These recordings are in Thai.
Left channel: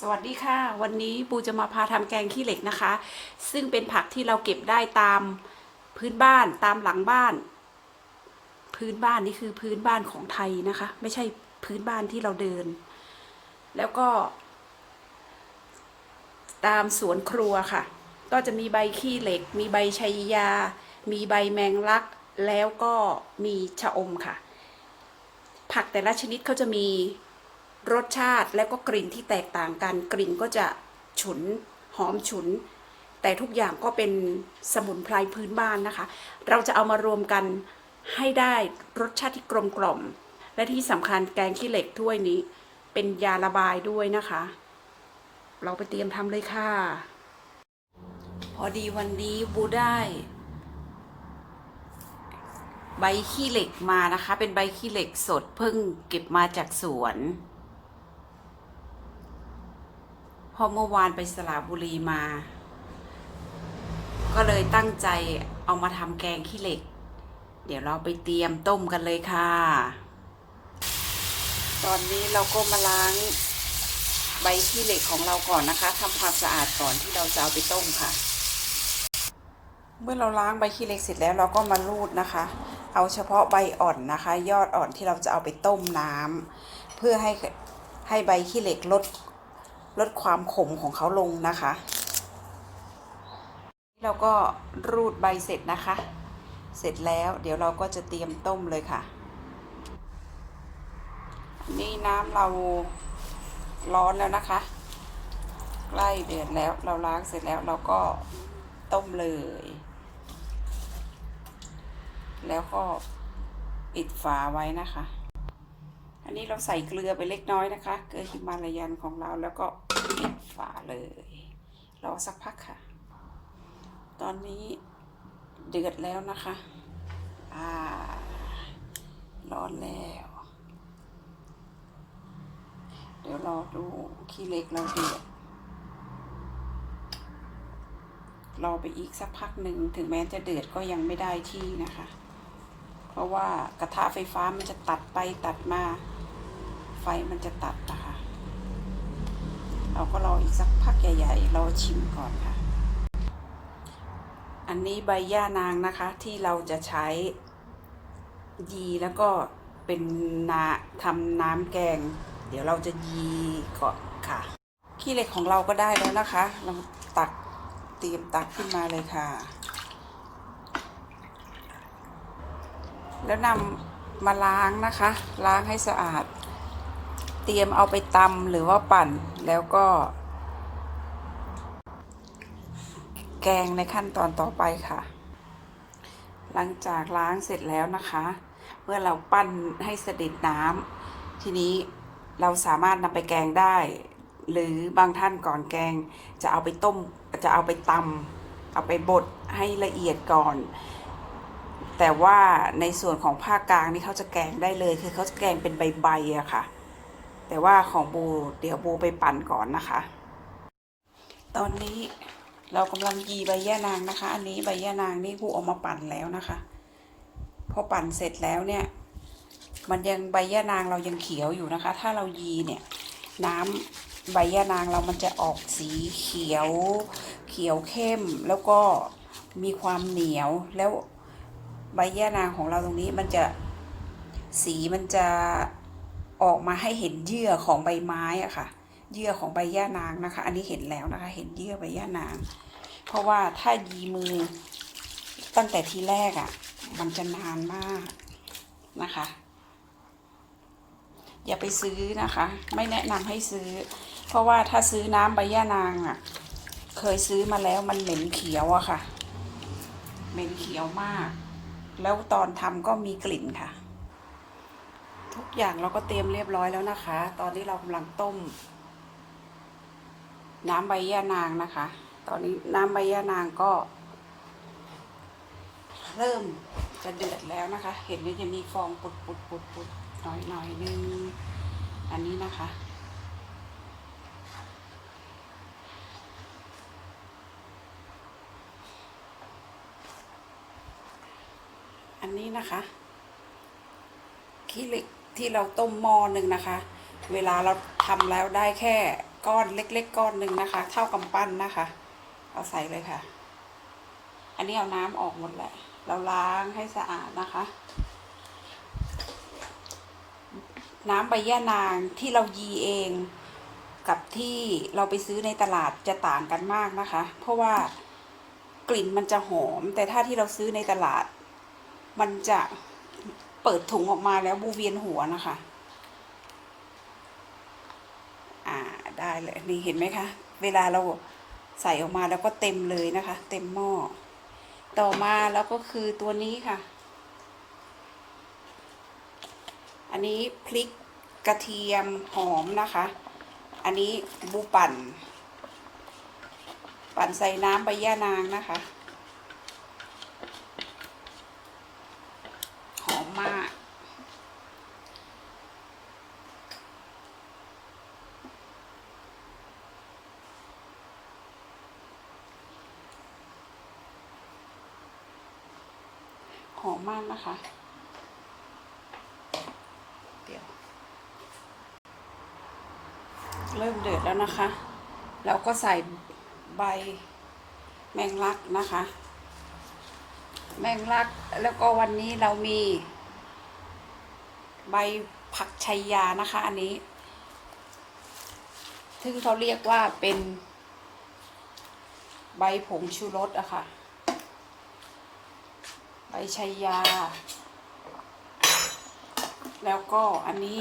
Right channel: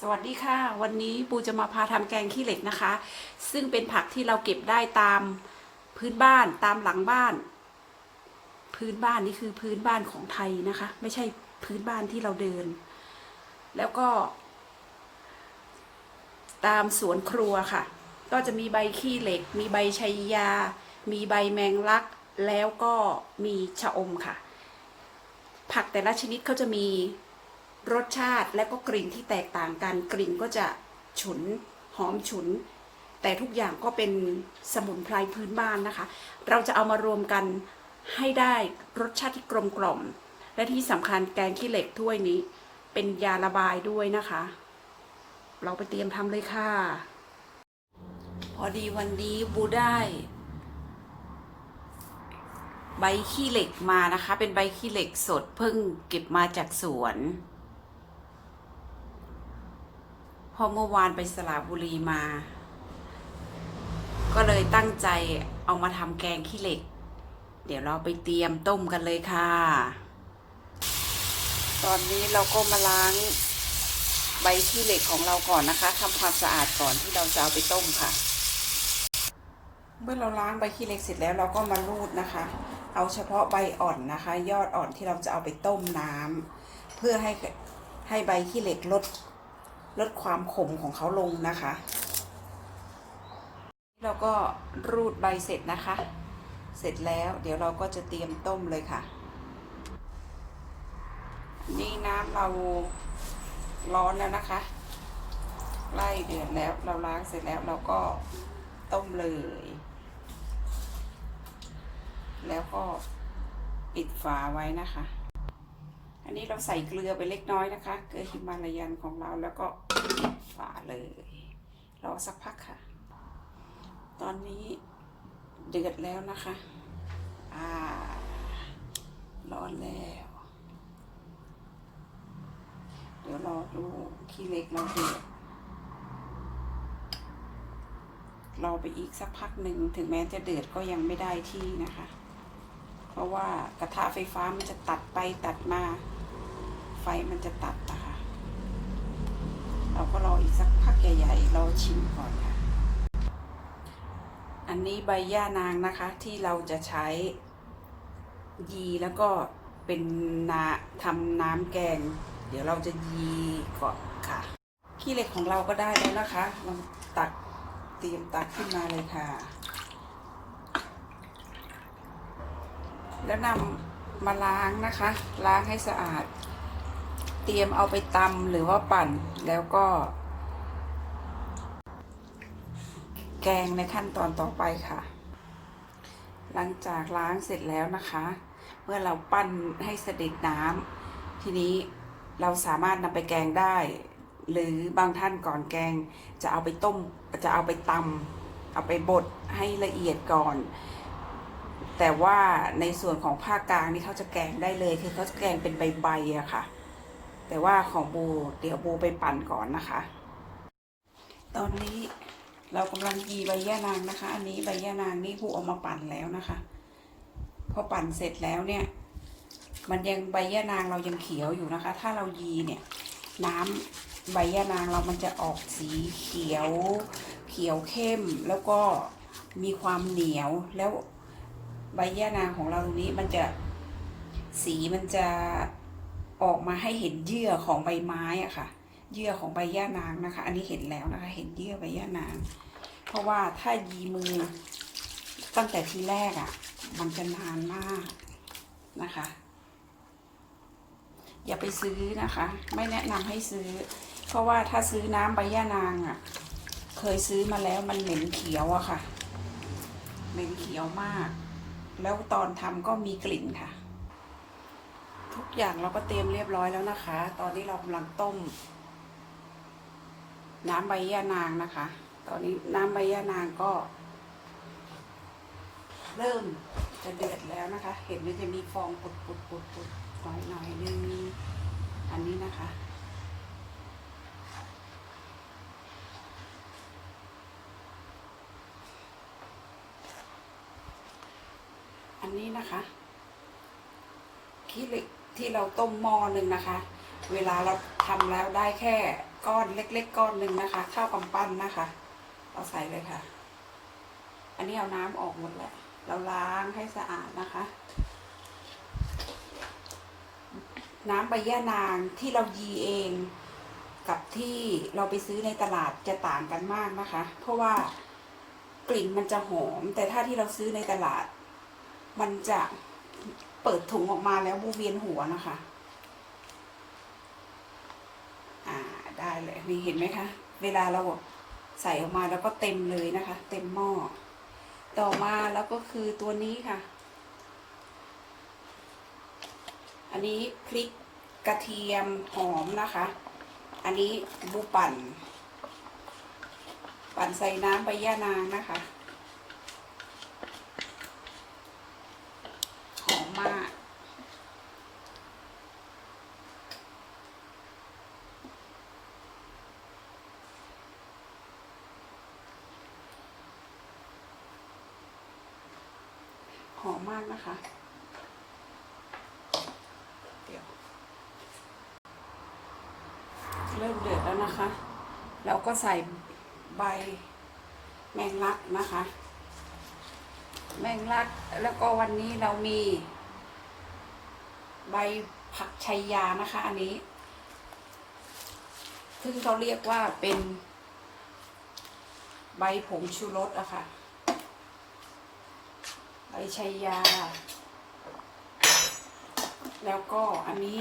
สวัสดีค่ะ วันนี้ปูจะมาพาทำแกงขี้เหล็กนะคะ ซึ่งเป็นผักที่เราเก็บได้ตามพื้นบ้านตามหลังบ้าน พื้นบ้านนี่คือพื้นบ้านของไทยนะคะ ไม่ใช่พื้นบ้านที่เราเดิน แล้วก็ ตามสวนครัวค่ะ ก็จะมีใบขี้เหล็ก มีใบชัยยา มีใบแมงลัก แล้วก็มีชะอมค่ะ ผักแต่ละชนิดเขาจะมี รสชาติและก็กลิ่นที่แตกต่างกัน กลิ่นก็จะฉุนหอมฉุน แต่ทุกอย่างก็เป็นสมุนไพรพื้นบ้านนะคะ เราจะเอามารวมกันให้ได้รสชาติที่กลมกล่อม และที่สำคัญแกงขี้เหล็กถ้วยนี้ เป็นยาระบายด้วยนะคะ เราไปเตรียมทำเลยค่ะ พอดีวันนี้บูได้ใบขี้เหล็กมานะคะ เป็นใบขี้เหล็กสดเพิ่งเก็บมาจากสวน พอเมื่อวานไปสระบุรีมา ก็เลยตั้งใจเอามาทำแกงขี้เหล็ก เดี๋ยวเราไปเตรียมต้มกันเลยค่ะ ตอนนี้เราก็มาล้างใบขี้เหล็กของเราก่อนนะคะทำความสะอาดก่อนที่เราจะเอาไปต้มค่ะ เมื่อเราล้างใบขี้เหล็กเสร็จแล้วเราก็มารูดนะคะ เอาเฉพาะใบอ่อนนะคะ ยอดอ่อนที่เราจะเอาไปต้มน้ำเพื่อให้ให้ใบขี้เหล็กลด ลดความขมของเขาลงนะคะ เราก็รูดใบเสร็จนะคะ เสร็จแล้วเดี๋ยวเราก็จะเตรียมต้มเลยค่ะ นี่น้ำเราร้อนแล้วนะคะไล่เดือดแล้วเราล้างเสร็จแล้วเราก็ต้มเลย แล้วก็ปิดฝาไว้นะคะ อันนี้เราใส่เกลือไปเล็กน้อยนะคะ เกลือฮิมาลายันของเราแล้วก็ปิดฝาเลย รอสักพักค่ะ ตอนนี้เดือดแล้วนะคะ อ่า ร้อนแล้ว เดี๋ยวรอดูขี้เล็กเราเดือด รอไปอีกสักพักหนึ่งถึงแม้จะเดือดก็ยังไม่ได้ที่นะคะ เพราะว่ากระทะไฟฟ้ามันจะตัดไปตัดมา ฟมันจะตัดนะคะ เราก็รออีกสักพักใหญ่ๆรอชิมก่อนค่ะ อันนี้ใบย่านางนะคะที่เราจะใช้ยีแล้วก็เป็นนาทำน้ำแกง เดี๋ยวเราจะยีก่อนค่ะ ขี้เหล็กของเราก็ได้แล้วนะคะ เราตักเตรียมตักขึ้นมาเลยค่ะ แล้วนำมาล้างนะคะ ล้างให้สะอาด เตรียมเอาไปตำหรือว่าปั่นแล้วก็ แกงในขั้นตอนต่อไปค่ะ หลังจากล้างเสร็จแล้วนะคะ เมื่อเราปั้นให้เสด็จน้ำทีนี้เราสามารถนำไปแกงได้ หรือบางท่านก่อนแกงจะเอาไปต้มจะเอาไปตำเอาไปบดให้ละเอียดก่อนแต่ว่าในส่วนของภาคกลางนี่เขาจะแกงได้เลย คือเขาจะแกงเป็นใบๆอะค่ะ แต่ว่าของบูเดี๋ยวบูไปปั่นก่อนนะคะ ตอนนี้เรากำลังยีใบย่านางนะคะ อันนี้ใบย่านางนี่บูเอามาปั่นแล้วนะคะ พอปั่นเสร็จแล้วเนี่ย มันยังใบย่านางเรายังเขียวอยู่นะคะ ถ้าเรายีเนี่ยน้ำใบย่านางเรามันจะออกสีเขียว เขียวเข้มแล้วก็มีความเหนียวแล้วใบย่านางของเราตรงนี้มันจะสีมันจะ ออกมาให้เห็นเยื่อของใบไม้อะค่ะ เยื่อของใบย่านางนะคะ อันนี้เห็นแล้วนะคะ เห็นเยื่อใบย่านาง เพราะว่าถ้ายีมือตั้งแต่ทีแรกอะมันจะนานมากนะคะ อย่าไปซื้อนะคะ ไม่แนะนำให้ซื้อ เพราะว่าถ้าซื้อน้ำใบย่านางอะ่ะเคยซื้อมาแล้วมันเหม็นเขียวอะค่ะ เหม็นเขียวมาก แล้วตอนทำก็มีกลิ่นค่ะ ทุกอย่างเราก็เตรียมเรียบร้อยแล้วนะคะ ตอนนี้เรากำลังต้ม น้ำใบย่านางนะคะ ตอนนี้น้ำใบย่านางก็ เริ่มจะเดือดแล้วนะคะ เห็นว่าจะมีฟองปุดปุดปุดปุดน้อยหน่อยนึงอันนี้นะคะ อันนี้นะคะขี้เหล็ก ที่เราต้มหม้อหนึ่งนะคะ เวลาเราททำแล้วได้แค่ก้อนเล็ก ๆ ก้อนหนึ่งนะคะ เท่ากำปั้นนะคะ เอาใส่เลยค่ะ อันนี้เอาน้ำออกหมดแหละ เราล้างให้สะอาดนะคะ น้ำใบย่านางที่เรายีเองกับที่เราไปซื้อในตลาดจะต่างกันมากนะคะ เพราะว่ากลิ่นมันจะหอม แต่ถ้าที่เราซื้อในตลาด มันจะ เปิดถุงออกมาแล้วบูเวียนหัวนะคะ อ่าได้เลยนี่เห็นไหมคะ เวลาเราใส่ออกมาแล้วก็เต็มเลยนะคะ เต็มหม้อต่อมาแล้วก็คือตัวนี้ค่ะ อันนี้พริกกระเทียมหอมนะคะ อันนี้บูปั่น ปั่นใส่น้ำใบย่านางนะคะ หอมมาก ห อมมากนะคะเดี๋ยวเริ่มเดือดแล้วนะคะ เราก็ใส่ใบแมงลักนะคะ แมงลักแล้วก็วันนี้เรามี ใบผักชัยยานะคะ อันนี้ซึ่งเขาเรียกว่าเป็นใบผงชูรสอะค่ะ ใบชัยยา แล้วก็อันนี้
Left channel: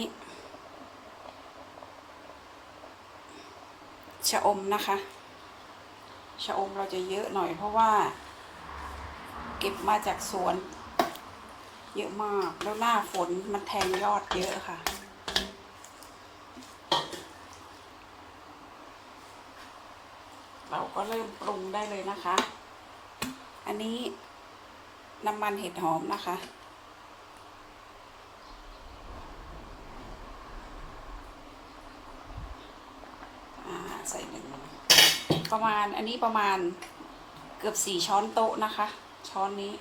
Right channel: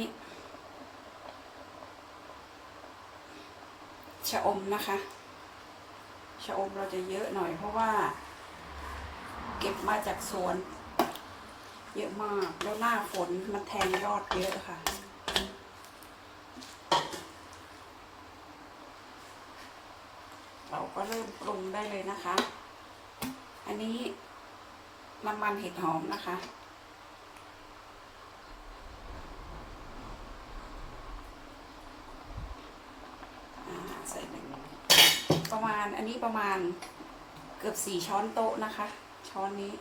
ชะอมนะคะชะอมเราจะเยอะหน่อยเพราะว่า เก็บมาจากสวน เยอะมากแล้วหน้าฝนมันแทงยอดเยอะค่ะ เราก็เริ่มปรุงได้เลยนะคะ อันนี้ น้ำมันเห็ดหอมนะคะ ใส่หนึ่งประมาณอันนี้ประมาณเกือบสี่ช้อนโต๊ะนะคะ ช้อนนี้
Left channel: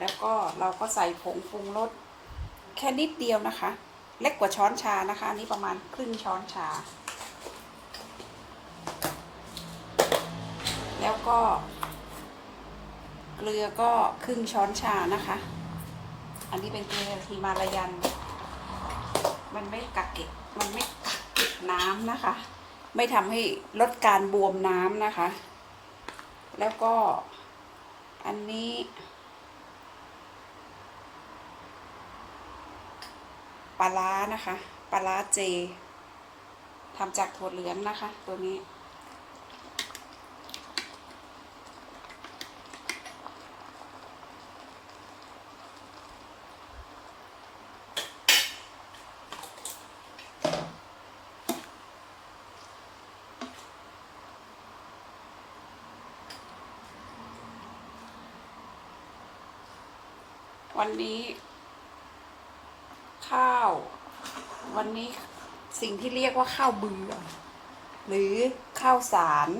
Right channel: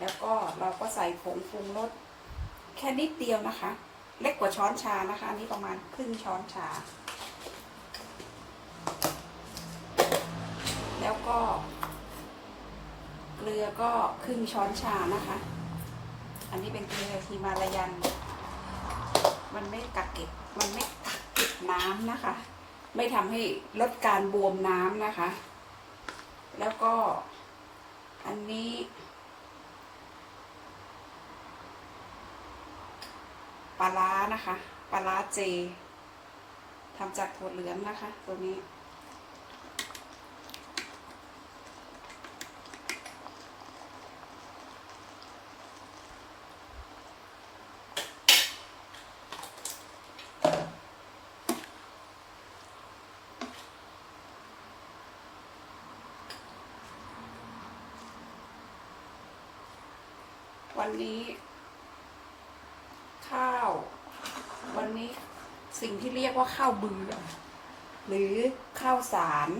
แล้วก็เราก็ใส่ผงปรุงรสแค่นิดเดียวนะคะ เล็กกว่าช้อนชานะคะอันนี้ประมาณครึ่งช้อนชา แล้วก็ เกลือก็ครึ่งช้อนชานะคะ อันนี้เป็นเกลือฮิมาลายัน มันไม่กักเก็บ มันไม่กักเก็บน้ำนะคะ ไม่ทำให้ลดการบวมน้ำนะคะ แล้วก็อันนี้ ปลาร้านะคะ ปลาร้าเจทำจากถั่วเหลืองนะคะ ตัวนี้ วันนี้ ข้าว วันนี้สิ่งที่เรียกว่าข้าวเบือหรือข้าวสาร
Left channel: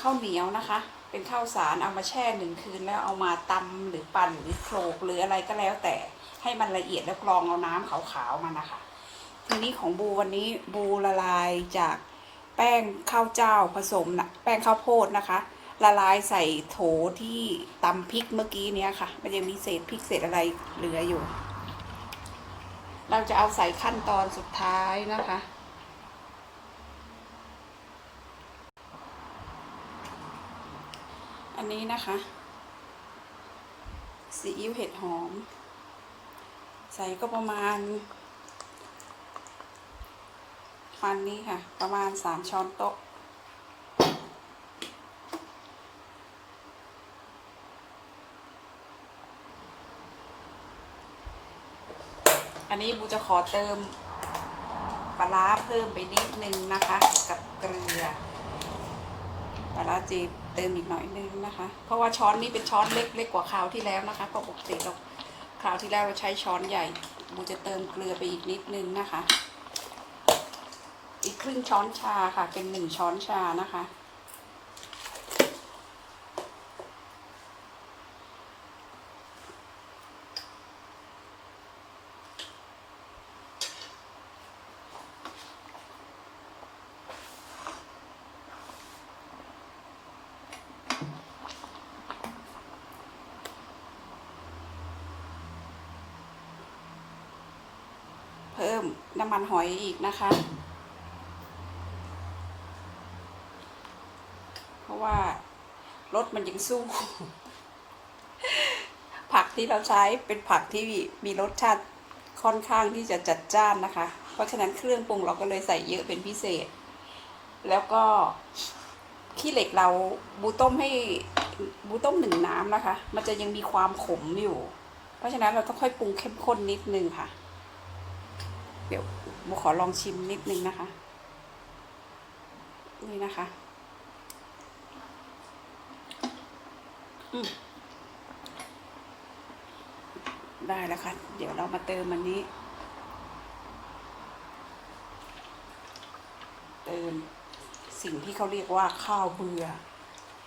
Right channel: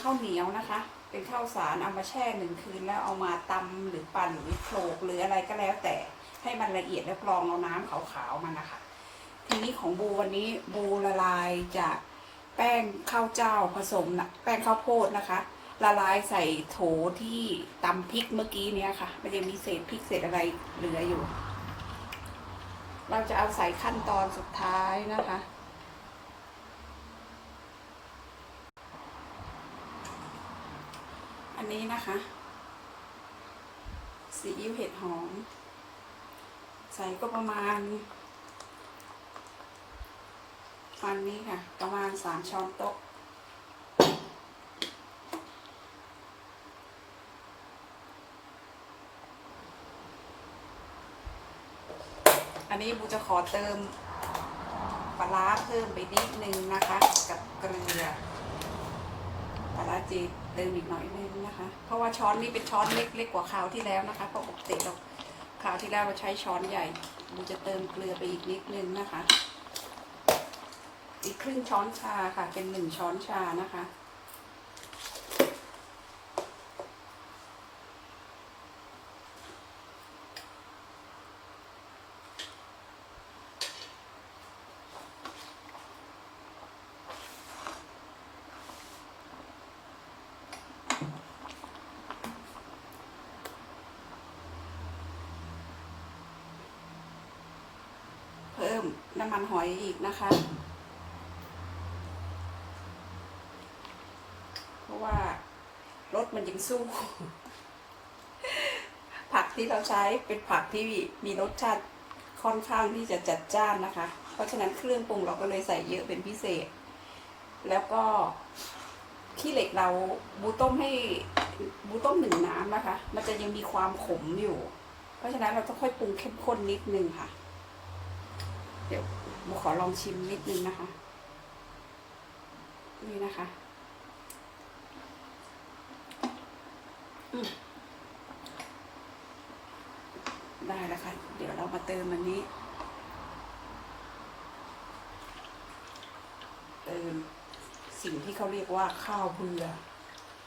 ข้าวเหนียวนะคะ เป็นข้าวสารเอามาแช่หนึ่งคืนแล้วเอามาตำหรือปั่นหรือโขลกหรืออะไรก็แล้วแต่ให้มันละเอียดแล้วกรองเอาน้ำขาวๆมานะคะ ทีนี้ของบูวันนี้บูละลายจากแป้งข้าวเจ้าผสมนะแป้งข้าวโพดนะคะ ละลายใส่โถที่ตำพริกเมื่อกี้เนี้ยค่ะ มันยังมีเศษพริกเศษอะไรเหลืออยู่ เราจะเอาใส่ขั้นตอนสุดท้ายนะคะอันนี้นะคะซีอิ๊วเห็ดหอม ใส่ก็ประมาณประมาณนี้ค่ะ ประมาณสามช้อนโต๊ะ นนี้บูจะขอเติมปลาร้าเพิ่มไปนิดนึงนะคะ กับเกลือปลาร้าจีเติมอีกหน่อยนึงนะคะ เพราะว่าช้อนนี้เป็นช้อนเล็กเล็กกว่าคราวที่แล้วนะคะเพราะปกติเราคราวที่แล้วเราใช้ช้อนใหญ่บูจะเติมเกลือไปอีกนิดนึงนะคะ อีกครึ่งช้อนชาค่ะ เป็นหนึ่งช้อนชานะคะ น้ำมันหอยอีกนะคะ เพราะว่ารสมันยังสู้ ผักที่เราใช้เป็นผักที่มีรสชาติค่อนข้างที่จะจัดจ้านนะคะ เพราะฉะนั้นเครื่องปรุงเราก็เลยใส่เยอะเป็นพิเศษ แล้วก็ขี้เหล็กเราบูต้มให้บูต้มหนึ่งน้ำนะคะ มันจะยังมีความขมอยู่ เพราะฉะนั้นเราต้องค่อยปรุงเข้มข้นนิดนึงค่ะ เดี๋ยวโมขอลองชิมนิดนึงนะคะ นี่นะคะ ได้แล้วค่ะ เดี๋ยวเรามาเติมอันนี้ เติมสิ่งที่เขาเรียกว่าข้าวเบื่อ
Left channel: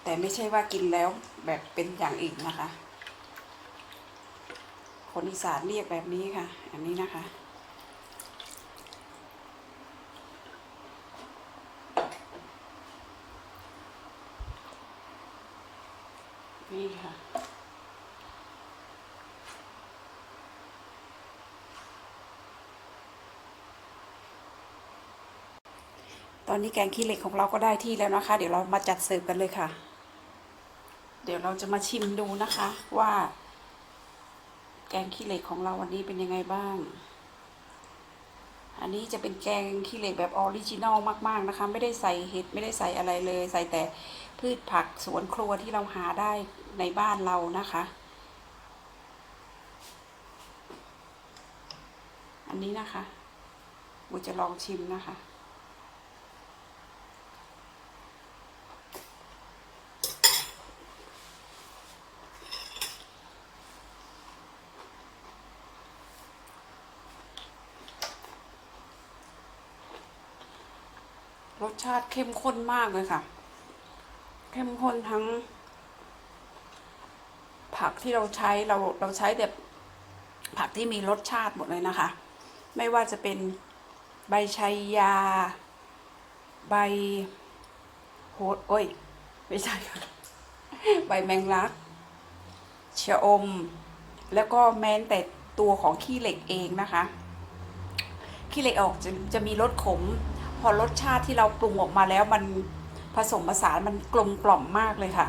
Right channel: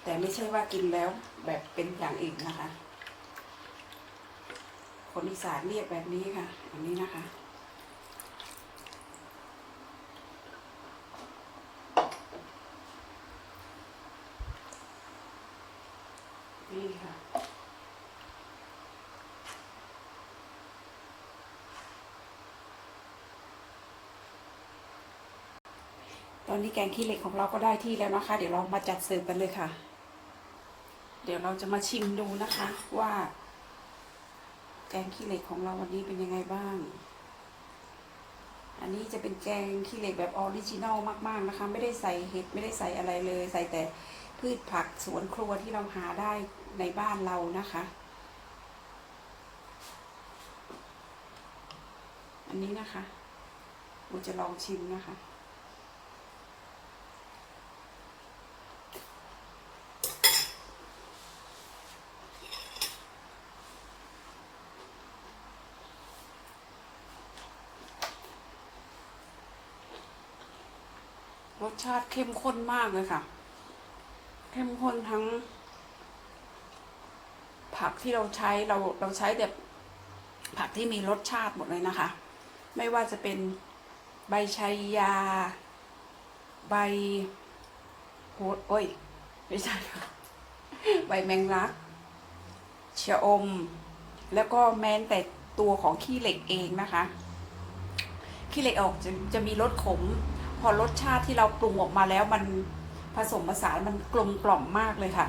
แต่ไม่ใช่ว่ากินแล้วแบบเป็นอย่างอื่นนะคะ คนอีสานเรียกแบบนี้ค่ะ อันนี้นะคะ ค่ะตอนนี้แกงขี้เหล็กของเราก็ได้ที่แล้วนะคะ เดี๋ยวเรามาจัดเสิร์ฟกันเลยค่ะ เดี๋ยวเราจะมาชิมดูนะคะว่า แกงขี้เหล็กของเราวันนี้เป็นยังไงบ้าง อันนี้จะเป็นแกงขี้เหล็กแบบออริจินอลมากๆนะคะ ไม่ได้ใส่เห็ดไม่ได้ใส่อะไรเลย ใส่แต่พืชผักสวนครัวที่เราหาได้ในบ้านเรานะคะ อันนี้นะคะโมจะลองชิมนะคะ รสชาติเข้มข้นมากเลยค่ะ เข้มข้นทั้ง ผักที่เราใช้เราเราใช้แบบผักที่มีรสชาติหมดเลยนะคะ ไม่ว่าจะเป็นใบชัยยา ใบโหดโอ้ย ไม่ใช่ค่ะใบแมงลักชะอม แล้วก็แม้แต่ตัวของขี้เหล็กเองนะคะ ขี้เหล็กออกจะจะมีรสขม พอรสชาติที่เราปรุงออกมาแล้วมันผสมผสานมันกลมกล่อมมากเลยค่ะ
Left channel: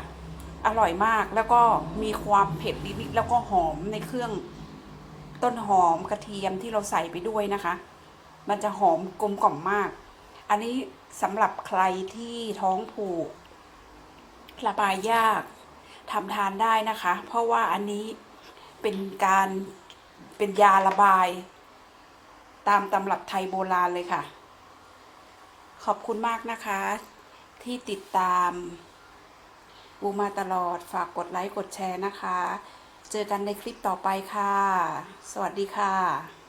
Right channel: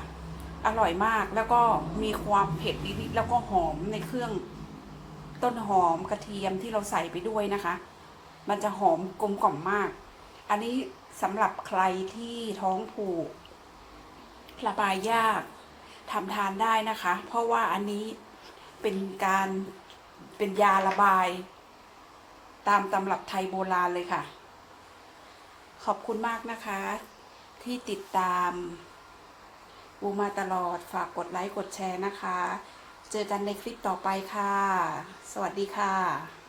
อร่อยมากแล้วก็มีความเผ็ดนิดๆแล้วก็หอมในเครื่องต้นหอมกระเทียมที่เราใส่ไปด้วยนะคะ มันจะหอมกลมกล่อมมาก อันนี้สำหรับใครที่ท้องผูกระบายยากทำทานได้นะคะ เพราะว่าอันนี้เป็นการเป็นยาระบาย ตามตำรับไทยโบราณเลยค่ะ ขอบคุณมากนะคะ ที่ติดตามบูมาตลอดฝากกดไลค์กดแชร์นะคะ เจอกันในคลิปต่อไปค่ะ สวัสดีค่ะ